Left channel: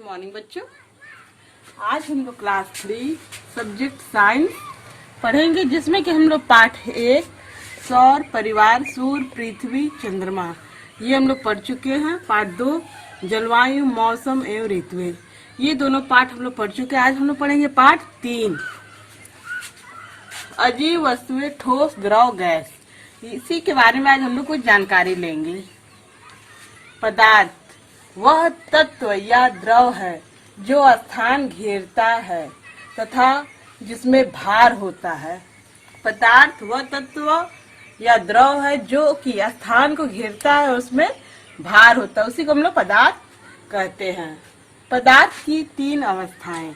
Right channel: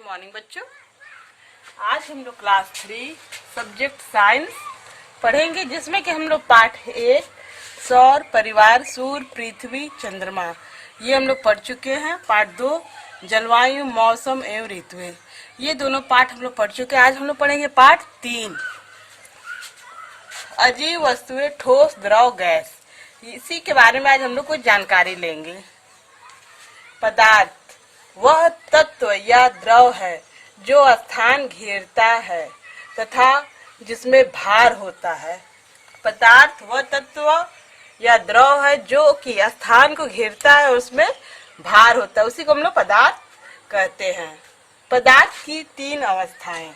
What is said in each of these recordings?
Morning बच्चों। आज हम लोग क्लास 3 सब्जेक्ट साइंस पढ़ेंगे, जिसमें कि हम लोग पाठ 1 सौर परिवार सूर्य पृथ्वी चंद्रमा ये हम लोग पढ़ चुके हैं। पाठ 2 जलवायु मौसम एवं ऋतुएं ये दोनों पाठ हम लोग पढ़ चुके हैं। आज हम लोग पढ़ेंगे पाठ 3 अजीव वस्तुएं ठोस द्रव गैस। इसी के बारे में आज हम लोग कुछ जानकारी लेंगे। पदार्थ वह तत्व या द्रव है जो स्थान घेरता है तथा जिसमें भार होता है। पदार्थ वह तत्व या द्रव है जो कि स्थान को घेरता है, उसमें भार होता है, उसी को हम लोग पदार्थ कहते हैं। पदार्थ की 3 अवस्थाएं,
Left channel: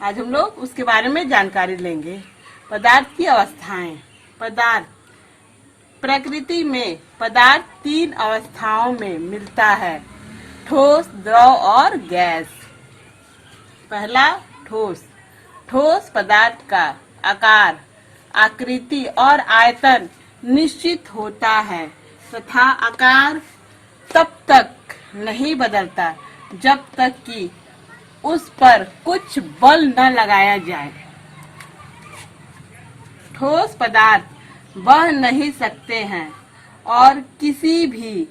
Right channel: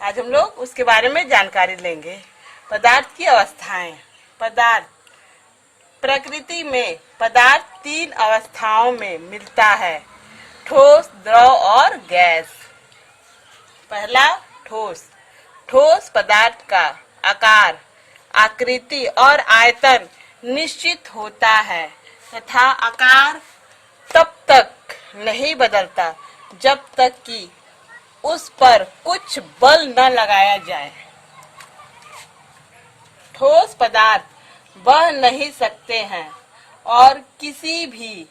आज हम लोग उसके बारे में जानकारी लेंगे। पदार्थ की अवस्थाएं। पदार्थ प्रकृति में पदार्थ 3 अवस्थाओं में मिलता है, ठोस द्रव और गैस। पहला ठोस। ठोस पदार्थ का आकार आकृति और आयतन निश्चित होता है तथा आकार तब तक नहीं बदलता जब तक कि उस पर कुछ बल न लगाया जाए। ठोस पदार्थ बह नहीं सकते हैं और किसी भी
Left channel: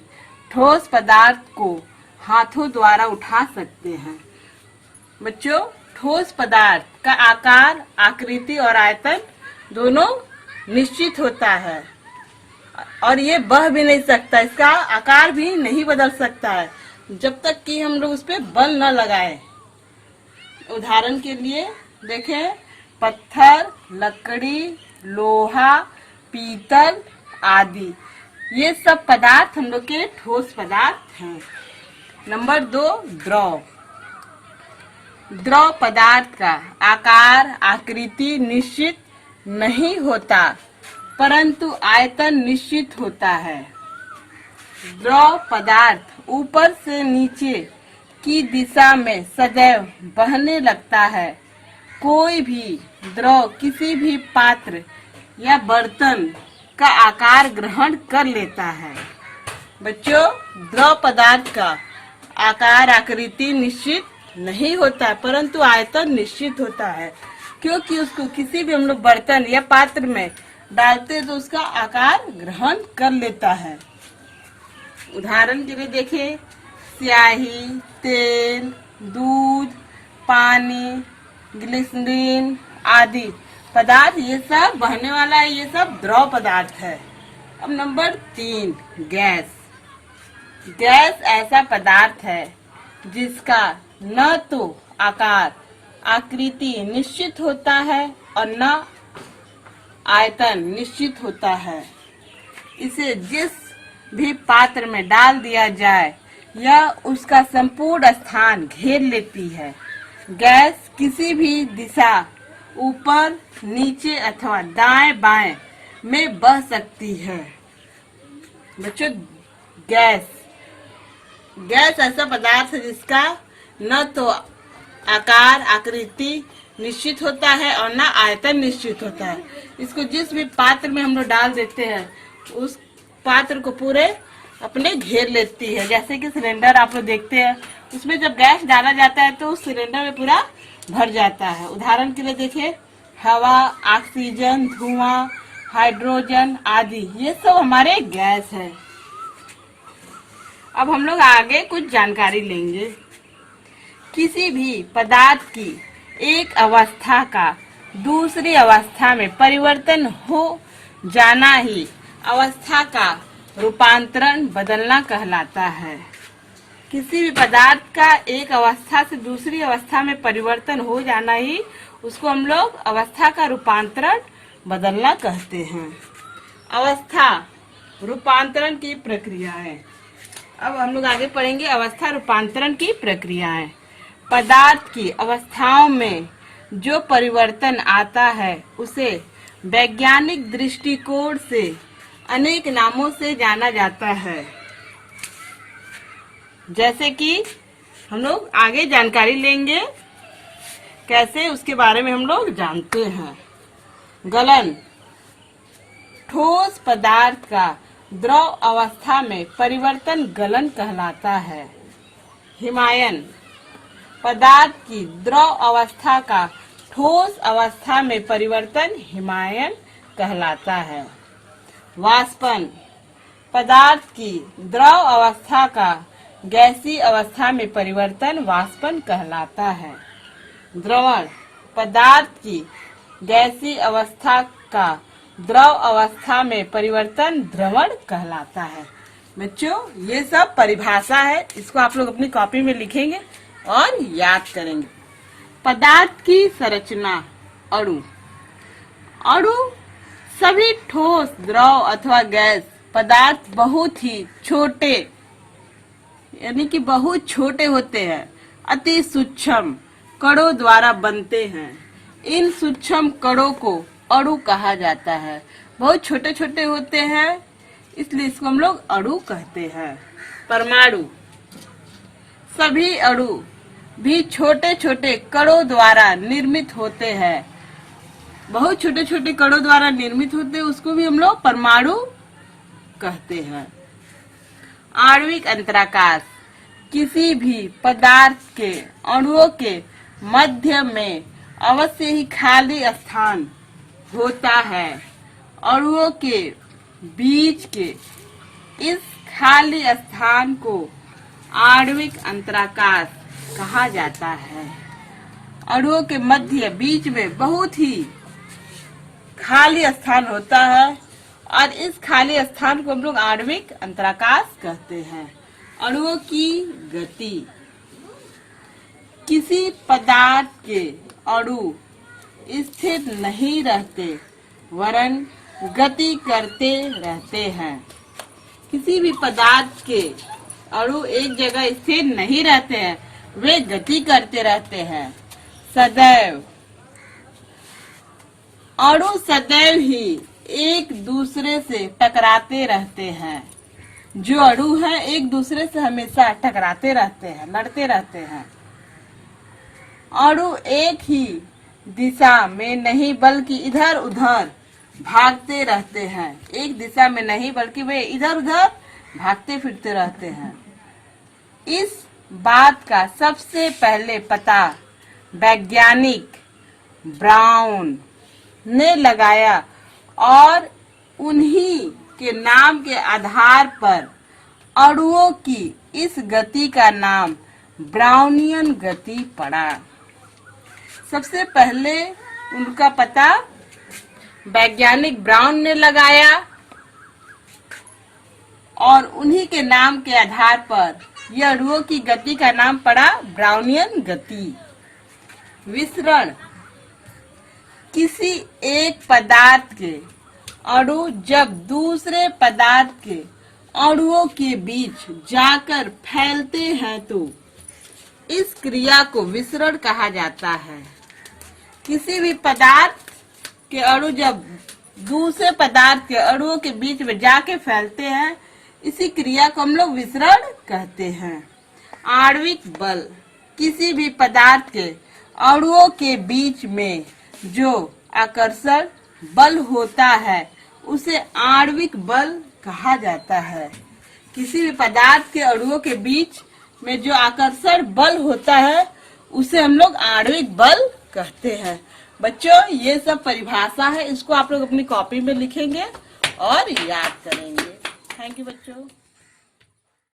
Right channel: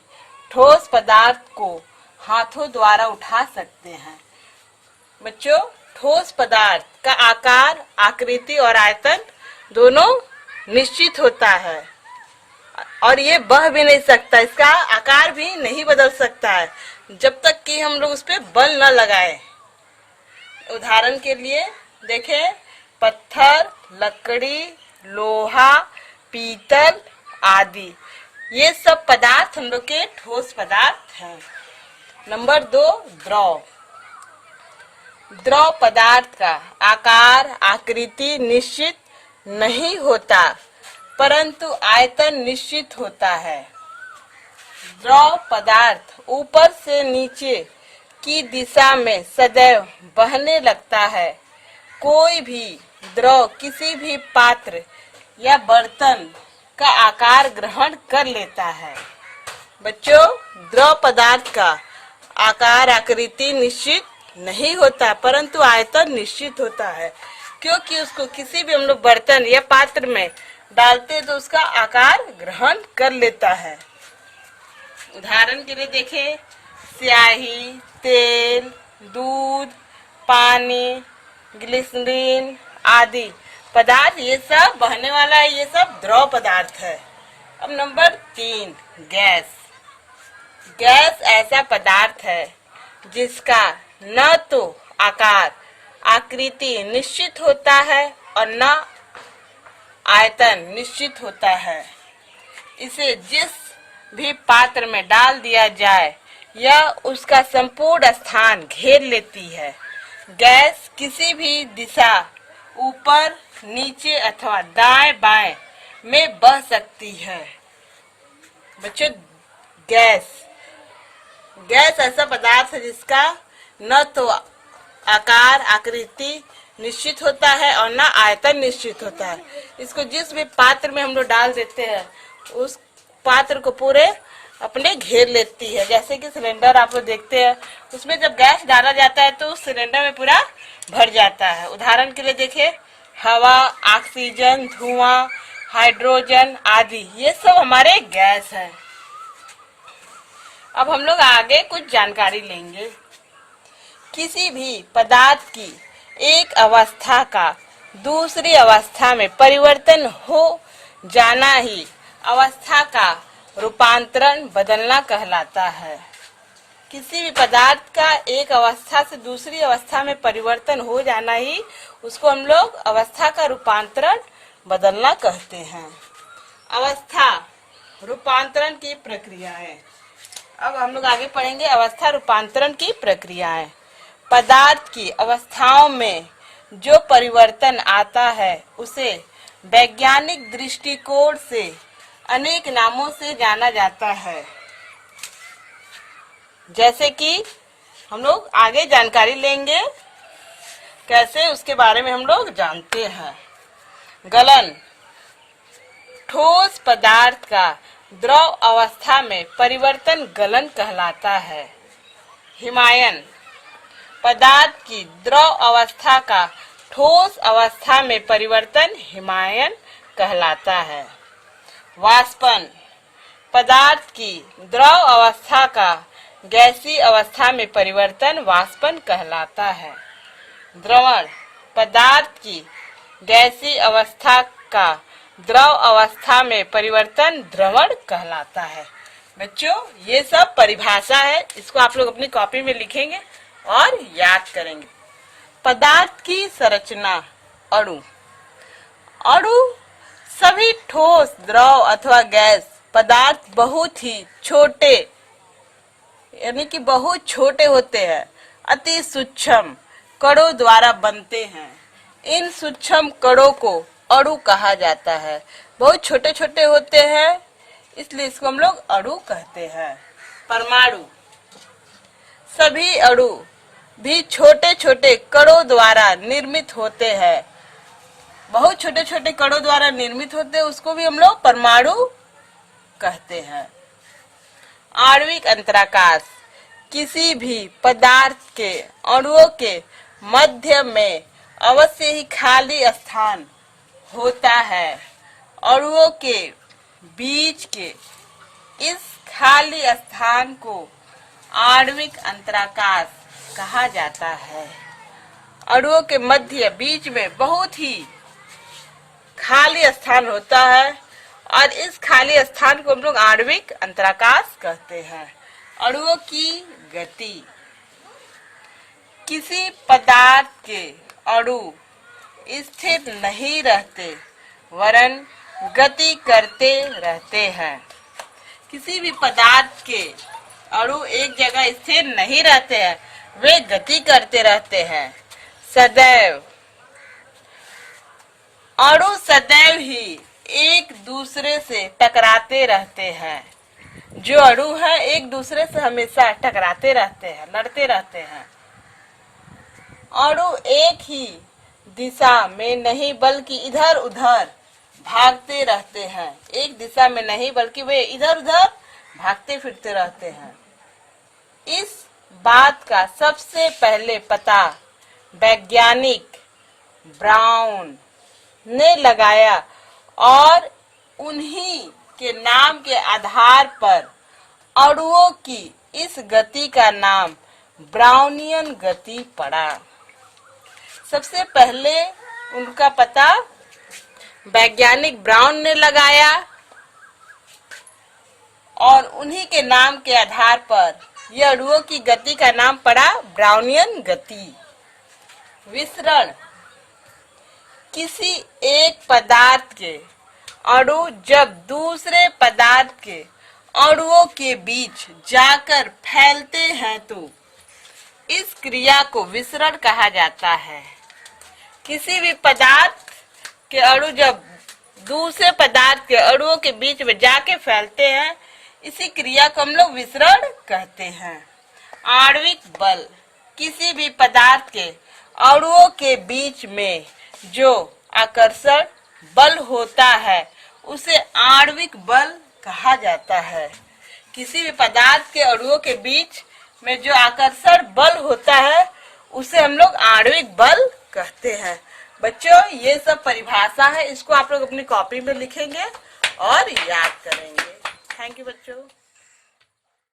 ठोस पदार्थ को हाथों द्वारा उठा सकते हैं। बच्चों, ठोस पदार्थ का आकार आकृति और आयतन दोनों निश्चित होता है और ये बह भी नहीं सकता, इसका आकार भी नहीं बदल सकता है जब तक कि हम लोग उस पर बल न लगाए। उदाहरण के लिए देखें, पत्थर, लकड़ी, लोहा, पीतल आदि ये सब पदार्थ हम लोग के ठोस पदार्थ हैं। नंबर 2 द्रव। द्रव पदार्थ का आकार आकृति निश्चित नहीं होता परंतु आयतन निश्चित होता है। द्रव पदार्थ ऊपर से नीचे की दिशा में सदैव बहने लगता है। कोई भी द्रव किसी भी पात्र या बर्तन का आकार ग्रहण कर लेता है। बच्चों, द्रव पदार्थ का आकार आकृति निश्चित नहीं होता परंतु आयतन निश्चित होता है, क्योंकि उसको किसी भी हम लोग बर्तन या पात्र में डालते तो उसका आकार ग्रहण कर लेता है। उदाहरण के लिए देखें, स्याही, तेल, दूध, पानी, ग्लिसरीन आदि पदार्थ ये सब बहने वाला है, ये सब द्रव पदार्थ है। अब नंबर 3 गैस। गैस ऐसा पदार्थ है जिसका न तो आकार आकृति निश्चित होता है और न आयतन निश्चित होता है। इसे जिस भी पात्र में डाल दिया जाए यह उसका संपूर्ण स्थान घेर लेती है। गैस किसी भी दिशा ऊपर नीचे अथवा दाएं बाएं में बह सकती है। बच्चों, गैस ऐसा पदार्थ है जिसका न तो आकार आकृति निश्चित होता है और न आयतन निश्चित होता है। इसको जिस भी पात्र में हम लोग डाल देते हैं उस पात्र को पूरे अपने घेर लेती है। जैसे कि सिलेंडर आप लोग देखते हैं, उसमें जब गैस डाला जाता है तो उस सिलेंडर में पूरा भर जाता है। उदाहरण के लिए देखिए, हवा, ऑक्सीजन, धुआं, हाइड्रोजन आदि ये सब हमारे गैस हैं। अब हम लोग आगे कुछ जानकारी लेंगे। किसी भी पदार्थ की एक अवस्था का दूसरी अवस्था में परिवर्तन हो जाना ही अवस्था का रूपांतरण बदलना कहलाता है। किसी भी पदार्थ का एक अवस्था से दूसरी अवस्था में परिवर्तन हो जाना ही उसको हम लोग अवस्था का रूपांतरण बदलना कहते हैं। अवस्था रूपांतरण की प्रक्रियाएं। अब हम लोग आगे पढ़ेंगे अवस्था रूपांतरण की प्रक्रियाएं। पदार्थ की अवस्थाओं में जो परिवर्तन आता है उसे वैज्ञानिक दृष्टिकोण से अनेक नामों से जाना जाता है। जैसे कि हम लोग आगे जानकारी लेंगे कैसे, उसके बारे में हम लोग जानते हैं। गलन। ठोस पदार्थ का द्रव अवस्था में परिवर्तन गलन कहलाता है। हिमायन। पदार्थ की द्रव अवस्था का ठोस अवस्था में परिवर्तन हिमायन कहलाता है। वाष्पन, पदार्थ की द्रव अवस्था का गैसीय अवस्था में परिवर्तन वाष्पन कहलाता है। द्रवण, पदार्थ की गैसीय अवस्था का द्रव अवस्था में परिवर्तन द्रवण कहलाता है। बच्चों, ये सब परिभाषा है, इसको आप लोग अपनी कॉपी में लिखेंगे और याद करेंगे। पदार्थ की संरचना। अणु, अणु सभी ठोस, द्रव अथवा गैस पदार्थ बहुत ही छोटे, यानी कि बहुत छोटे होते हैं, अति सूक्ष्म कणों द्वारा बनते हैं। इन सूक्ष्म कणों को अणु कहा जाता है। बहुत छोटे छोटे होते हैं, इसलिए इसको हम लोग अणु कहते हैं। परमाणु, सभी अणु भी छोटे छोटे कणों द्वारा निर्मित होते हैं। बहुत छोटे छोटे कणों द्वारा निर्मित होते हैं, उसको भी हम लोग परमाणु कहते हैं। आणविक अंतराकाश, किसी भी पदार्थ के अणुओं के मध्य में अवश्य ही खाली स्थान होता है। अणुओं के बीच के इस खाली स्थान को आणविक अंतराकाश कहा जाता है। अणुओं के मध्य बीच में बहुत ही खाली स्थान होता है और इस खाली स्थान को हम लोग आणविक अंतराकाश कहते हैं। अणुओं की गति, किसी पदार्थ के अणु स्थिर नहीं रहते वरन गति करते रहते हैं। किसी भी पदार्थ के अणु एक जगह स्थिर नहीं रहते हैं, वे गति करते रहते हैं। सदैव, अणु सदैव ही एक दूसरे से टकराते रहते हैं। जो अणु है एक दूसरे से हमेशा टकराते रहते हैं, लड़ते रहते हैं। अणु एक ही दिशा में नहीं बल्कि इधर उधर भागते रहते हैं। एक दिशा में नहीं बल्कि वे इधर उधर भागते फिरते रहते हैं। इस बात का सबसे पहले पता वैज्ञानिक ब्राउन ने लगाया और उन्हीं के नाम के आधार पर अणुओं की इस गति का नाम ब्राउनियन गति पड़ा। सबसे पहले उनका पता वैज्ञानिक ब्राउन ने लगाया और उन्हीं के नाम के आधार पर यह अणुओं की गति का नाम पड़ा ब्राउनियन गति। विसरण, किसी एक पदार्थ के अणु जब दूसरे पदार्थ के अणुओं के बीच जाकर फैलते हैं तो इस क्रिया को विसरण कहा जाता है। किसी भी पदार्थ के अणु जब दूसरे पदार्थ के अणुओं के बीच में जाके फैलते हैं, इसी क्रिया को हम लोग विसरण कहते हैं। आणविक बल, किसी भी पदार्थ के अणुओं के बीच में जो आकर्षण बल होता है उसे आणविक बल कहा जाता है। किसी भी पदार्थ के अणुओं के बीच में जो आकर्षण बल होता है उसे हम लोग आणविक बल कहते हैं। बच्चों, ये सब परिभाषा है, इसको आप लोग अपनी कॉपी में लिखेंगे और याद करेंगे। थैंक यू बच्चों।